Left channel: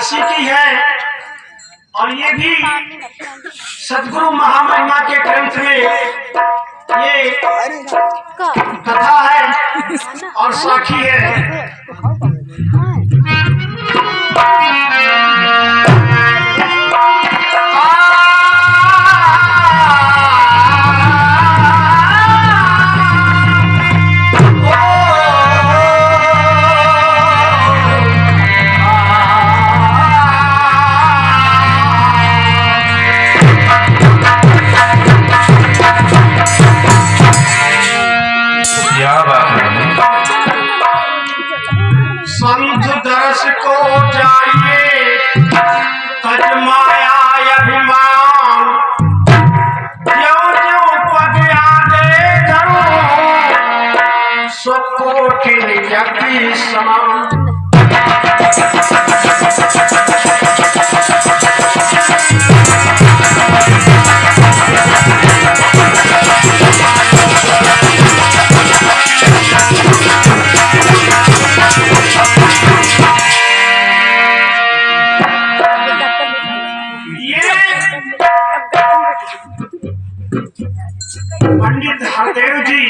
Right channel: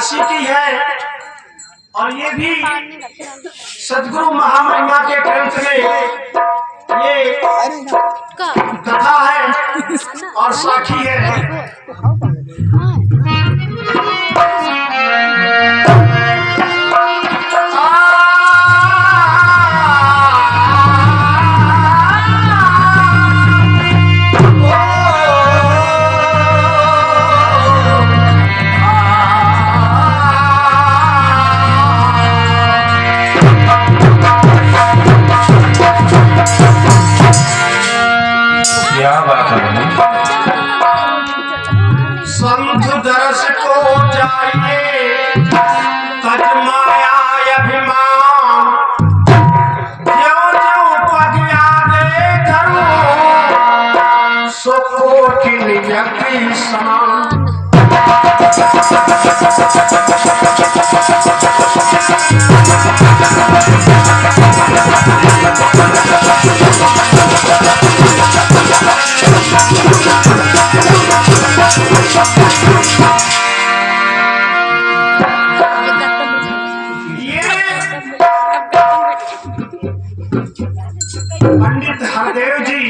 काशी की है और ये भी सदगुरु महामहिमा के ग्रंथ में ये कथा है और साखी है। संत दर्श को जाइए तज माया अभिमान, ज्यों ज्यों पग आगे धरूं सो कोटिन यज्ञ समान। पंडित हरदेव जी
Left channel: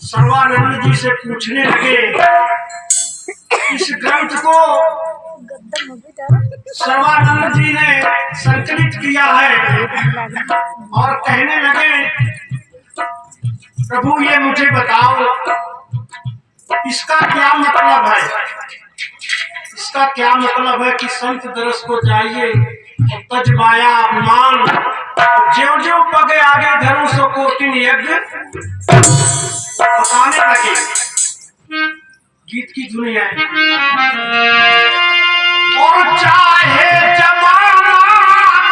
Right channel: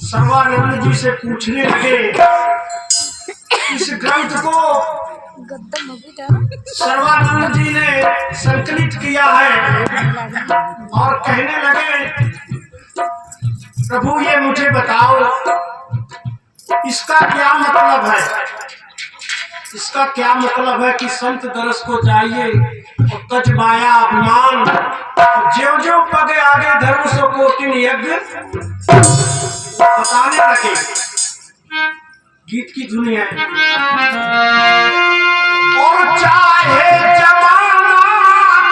सर्वानंद जी से पूछने लगे, इस ग्रंथ को सर्वानंद जी ने संकलित किया है और कहने लगे, प्रभु ये मुझे बताओ इसका क्या मतलब है। इसका क्या मतलब है कि संत दरस को जाइए और तज माया अभिमान, ज्यों ज्यों पगे आगे धर्म सो कोटिन यज्ञ बताने लगे। गीत की धुन है। और चाहे जमाना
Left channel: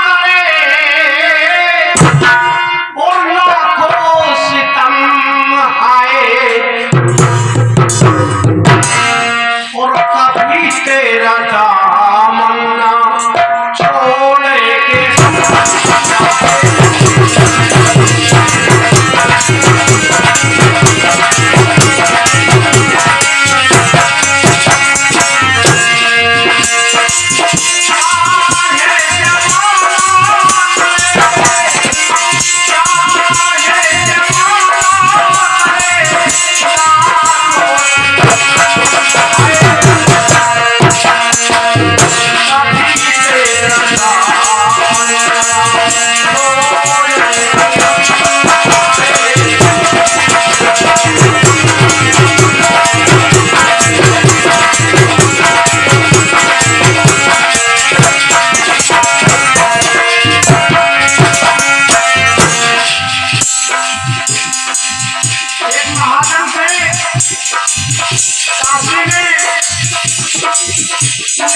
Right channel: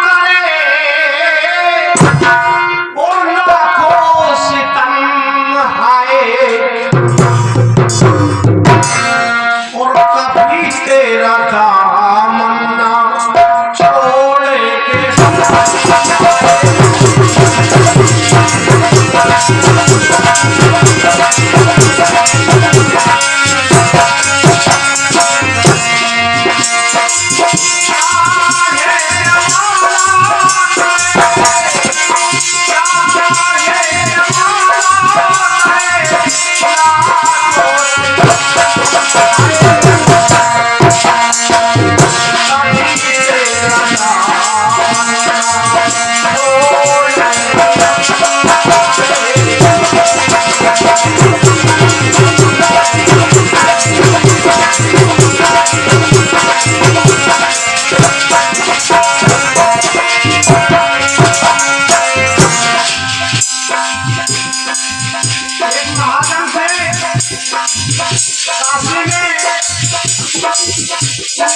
करे और लाखों सितम आए, और कभी तेरा दामन ना छोड़ेंगे।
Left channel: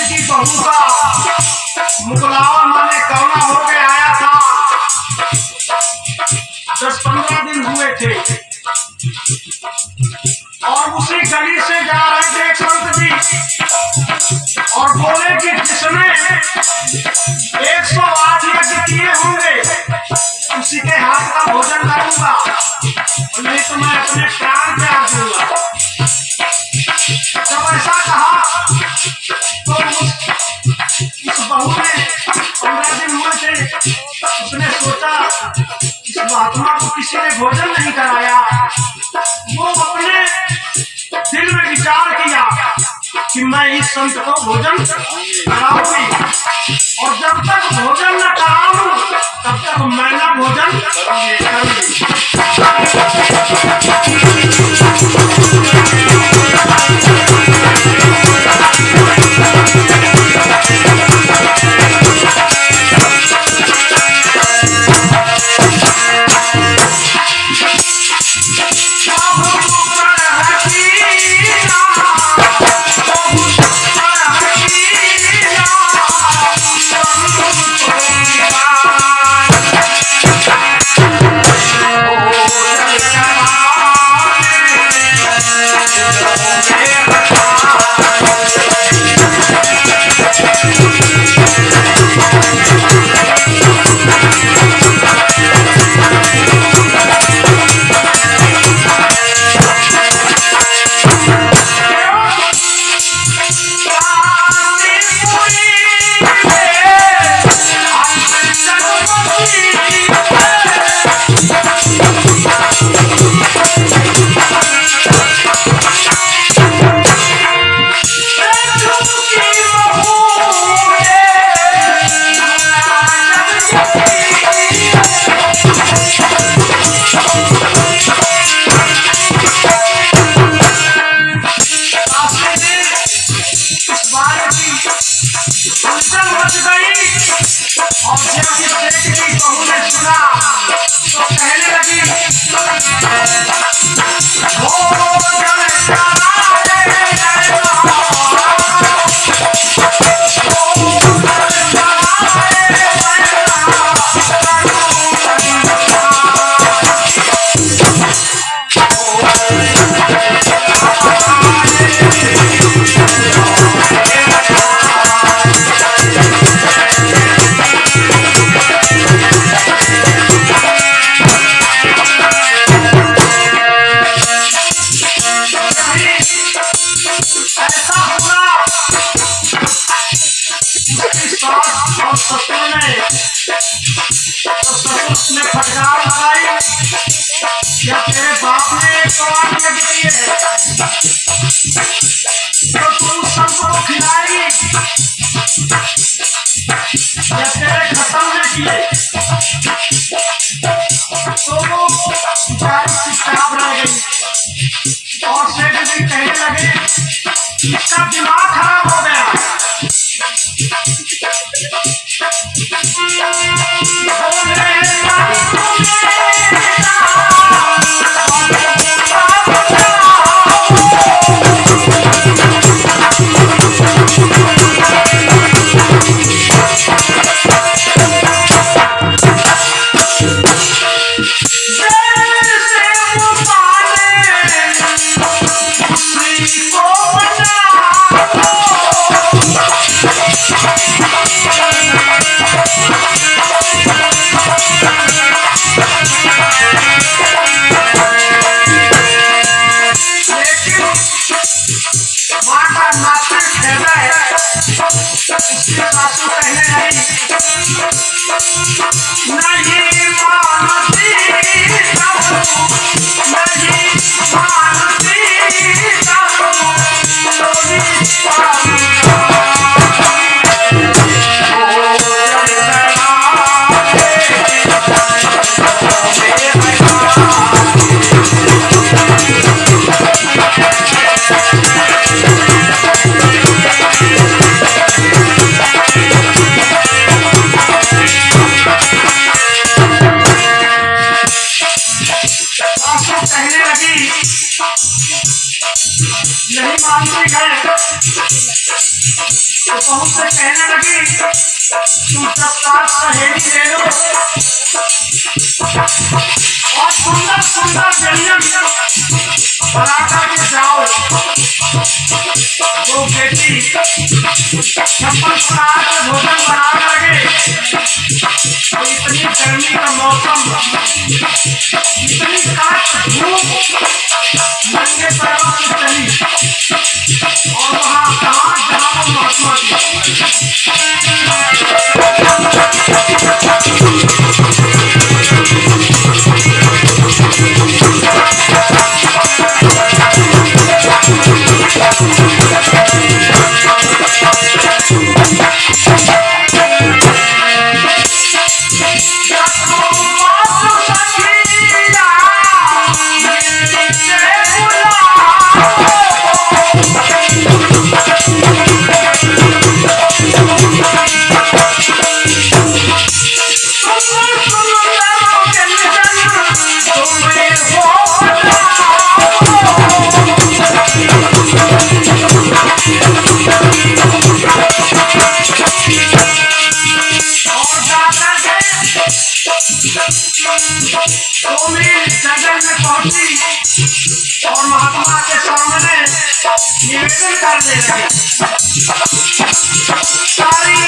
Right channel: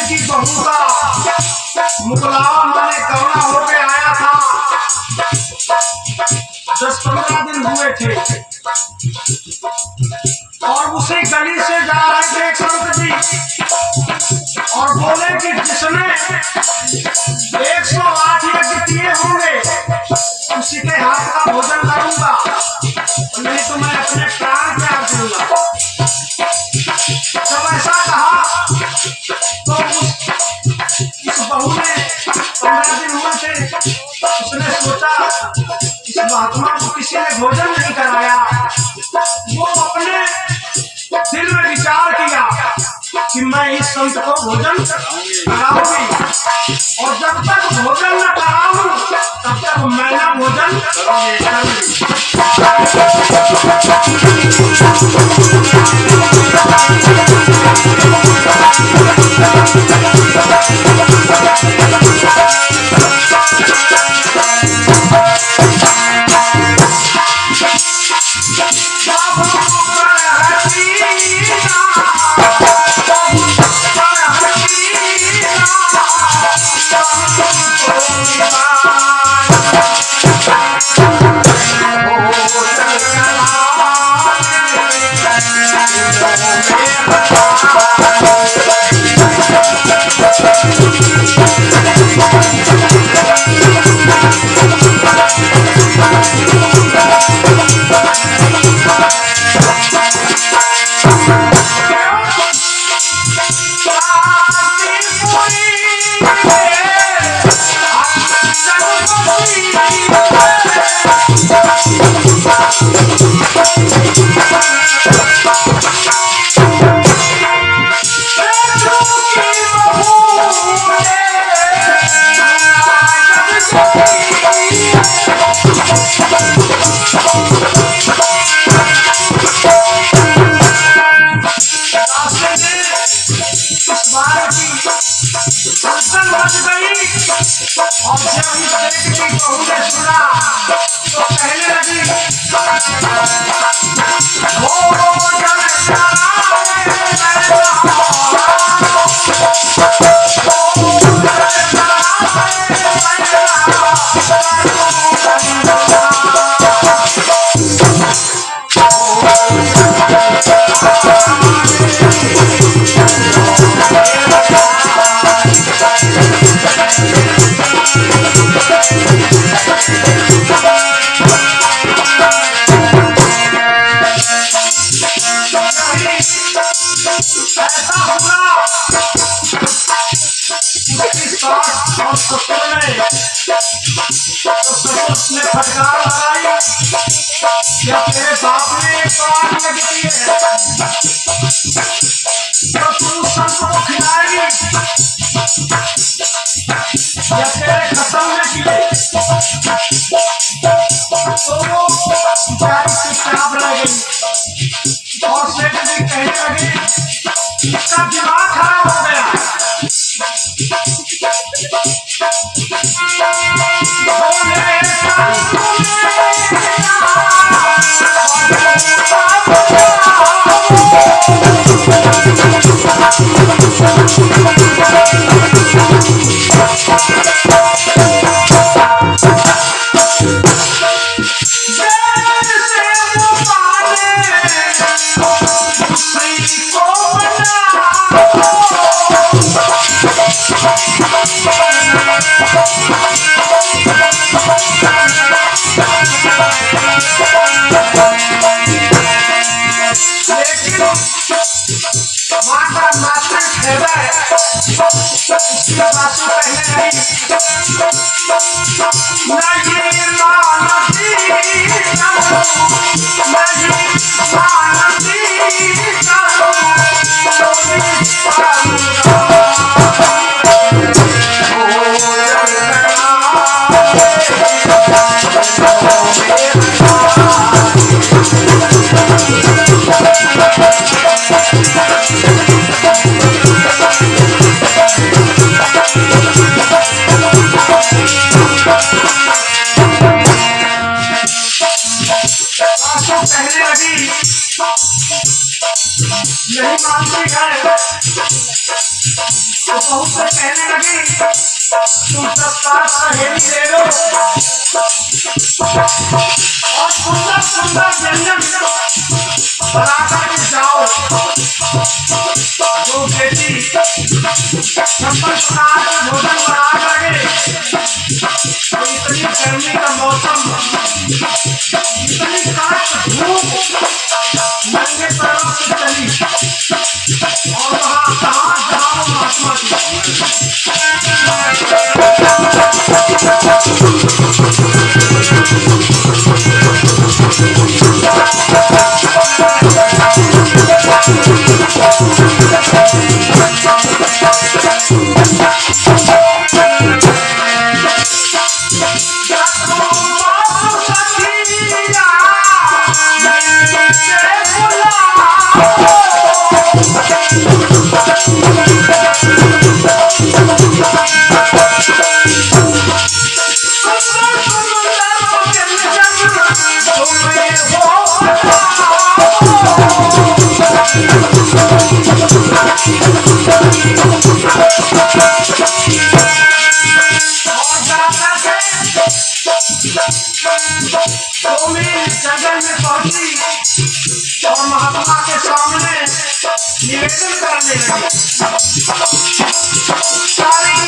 की बहू का मुकलावा माने कौना होके आया था। 10-15 दिन हुए थे और उसी गली से जा रहे थे एक संत जी और बोले कि जिसने 108 यज्ञ किए होंगे उसी के हाथ का भोजन करूंगा, नहीं तो मैं अपने प्राण त्याग दूंगा। जब ऐसा कहा तो इस बहू ने 15 दिन हुए थे, उसने सोचा इस महात्मा को किसी ने भोजन नहीं कराया। वो अपने दिल में विचार किया कि मैं इस संत को भोजन कराऊंगी और जब तक भोजन न कराऊं तब तक मैं ना भोजन करूंगी। इस बात की हलचल मच गई और जब इस बेटी की बहू ने सुना तो कहने लगी ऐसा होगा उसकी सास और ससुर ने तो ससुर ने फटकार लगाई या तेरे बाप ने कान लगी है तो तू सबको खिलाएगी या तेरे खत्म न किए तो वो बेचारी चुपचाप रह गई और सेठ जी कहने लगे इसका दिमाग खराब हो गया माँ का नातृ हृदय उसकी सासू कहने लगी नहीं मानती नहीं मानती कहने लगी नहीं मानती है तो बहुत से कहने लगी तुम तत्काल सहेली ले लो और सुंदर सुंदर व्यंजन बना करके जाओ जो बेटी छप्पन प्रकार का भोजन बना करके तो इतनी गर्मी का मौसम इतनी काट धूप नंगे पैरों से चली और वहाँ कहाँ जहाँ वो महात्मा जगह में पहुंची और महात्मा के सामने निवेदन करने लगे सारी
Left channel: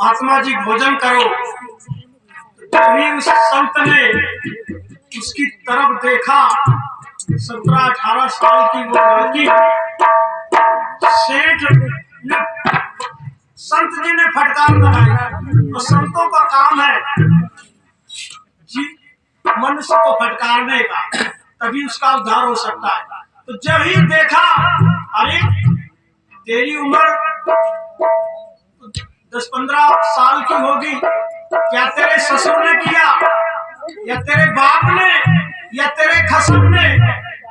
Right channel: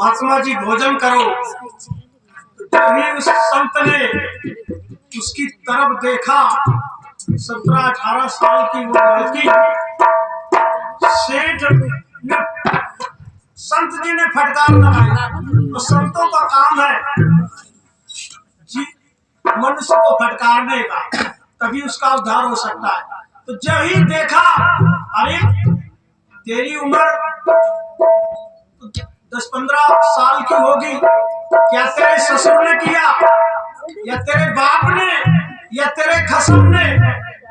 महात्मा जी भोजन करो। तभी उस संत ने उसकी तरफ देखा। 17-18 साल की वो लड़की। सेठ ने संत जी ने फटकार लगाई। तो संतों का काम है जी मनुष्य को फटकारने का, तभी उसका उद्धार हो सकता है। तो जब ही देखा, अरे तेरी उम्र 10-15 साल की होगी, क्या तेरे ससुर ने किया या तेरे बाप ने या तेरे खसम ने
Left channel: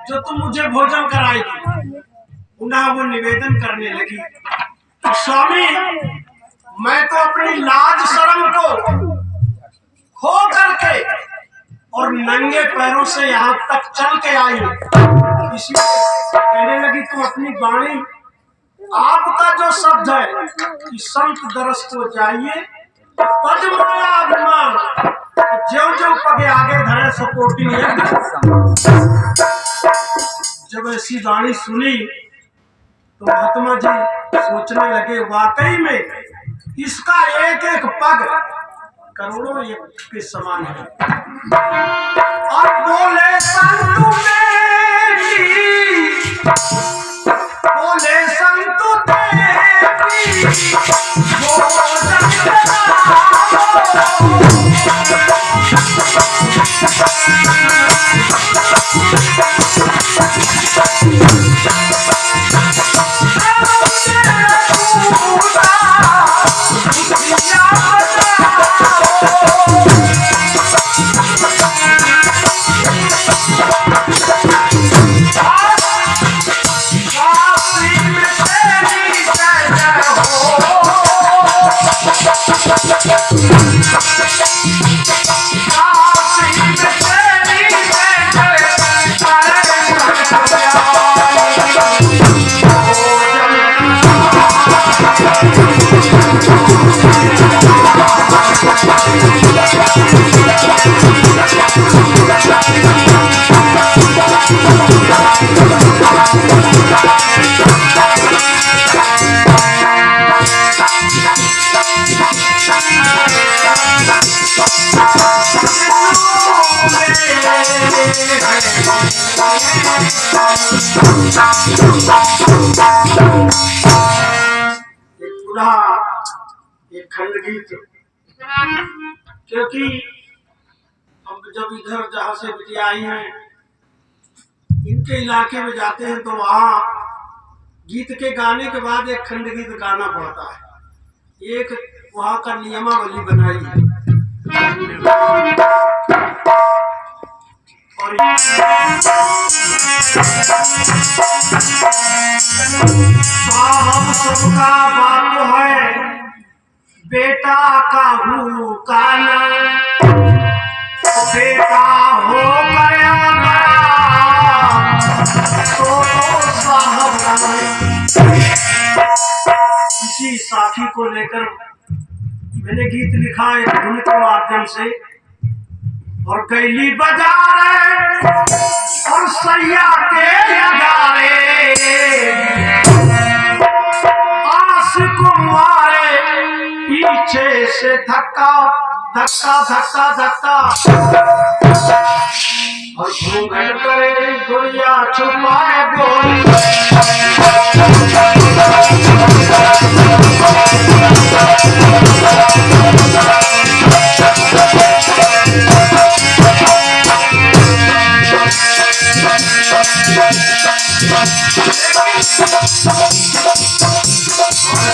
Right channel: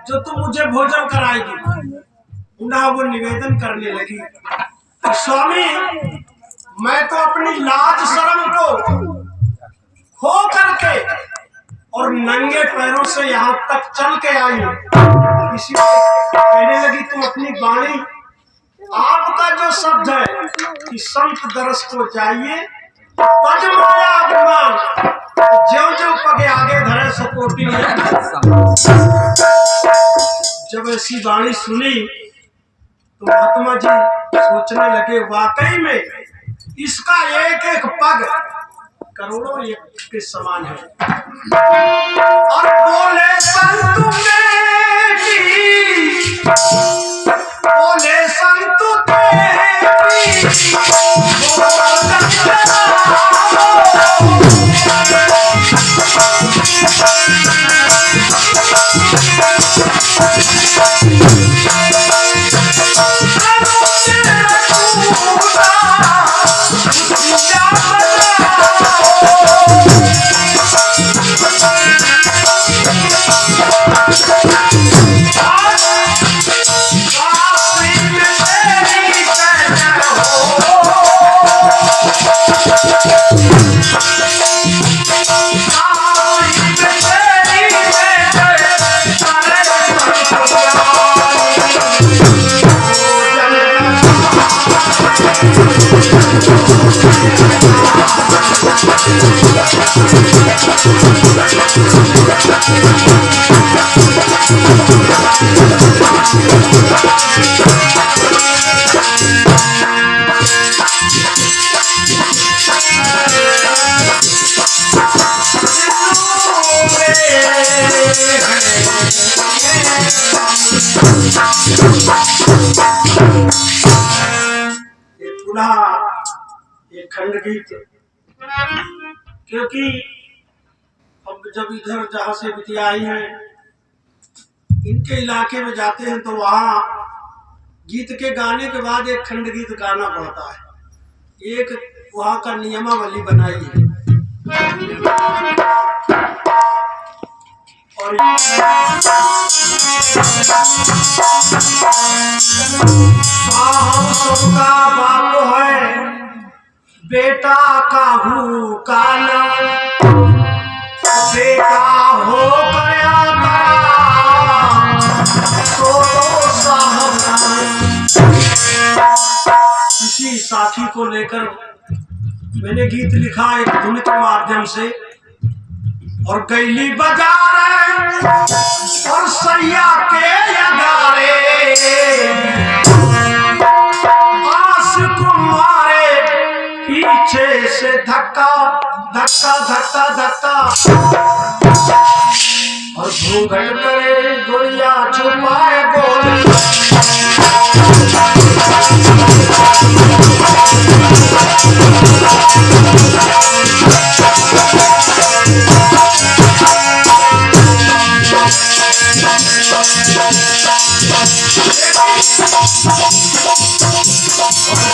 जो तुम मुझे भोजन कराएगी? पुनः वो निवेदन करने लगी, स्वामी मैं तो अपनी लाज शर्म को खो करके और नंगे पैरों से यहाँ तक चल के आई हूँ। इसी कहने लगी, तुम अपनी वाणी, आपका जो शब्द है कि संत दरस को जाइए तज माया अभिमान, ज्यों ज्यों पगे आगे धरे सपोटी। जब ऐसी वाणी सुनी तो महात्मा जी सोचने लगे, वाकई में इसका एक एक पग करोड़ों एक के समान है। और बोले संत मेरी, बोले संत तेरी, एक खंड गीत, क्योंकि अब जब इधर जहाँ से बिटिया आई हैं इनके इलाके में जाते हैं तो वहाँ गीत के गाने के बाद एक खंड गीत गाना पड़ता है। एक वहाँ का नियमावली बनाई है। और हम सबका बाप है, बेटा काहू काना, बेटा हो गया तो साहब। इसी साथी को लेकर मैंने गीत लिखा एक धुन के माध्यम से। और गैली बाजार और सैया के अगारे, आस को मारे पीछे से धक्का धक्का धक्का धक्का, और घूंघट करे गुड़िया छुपाए बोल।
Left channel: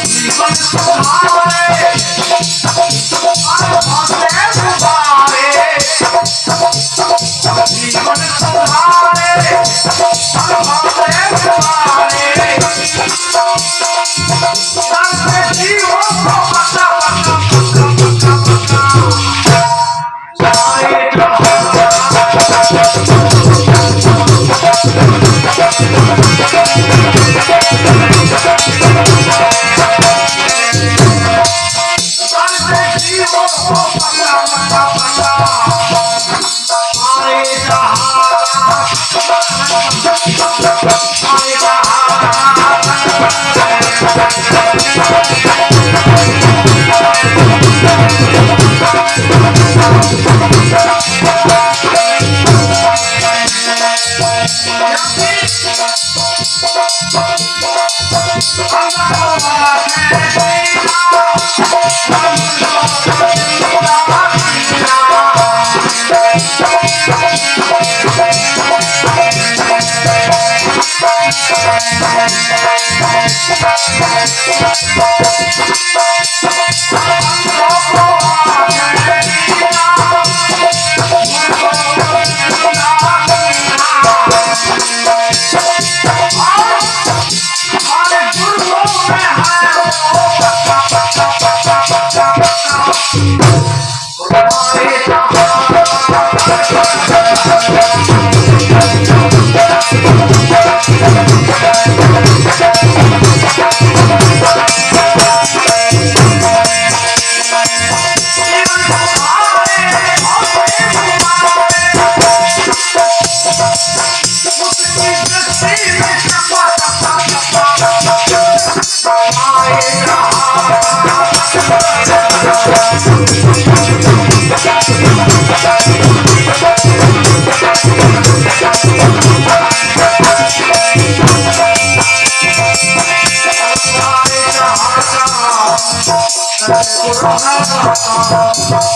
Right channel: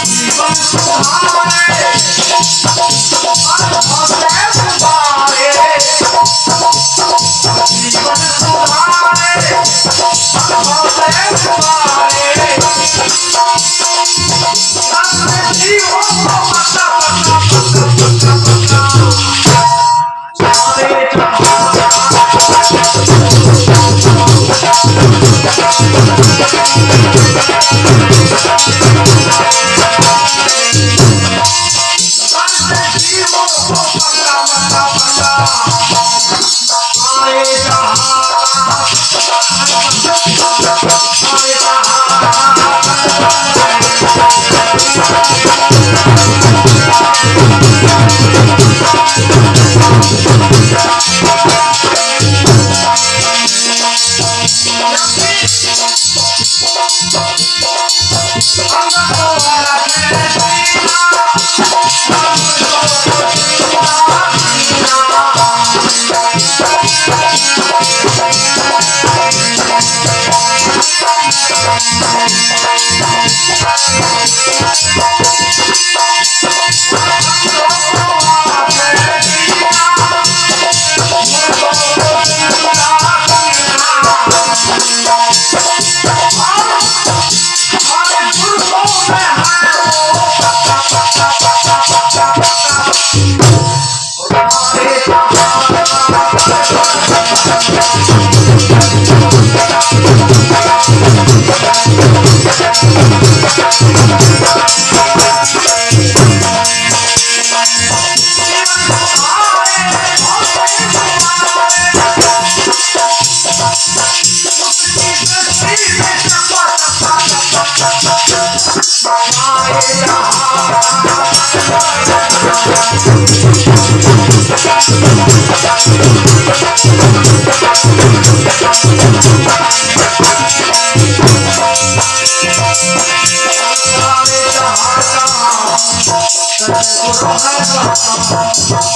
जीवन सुधारे Thank you.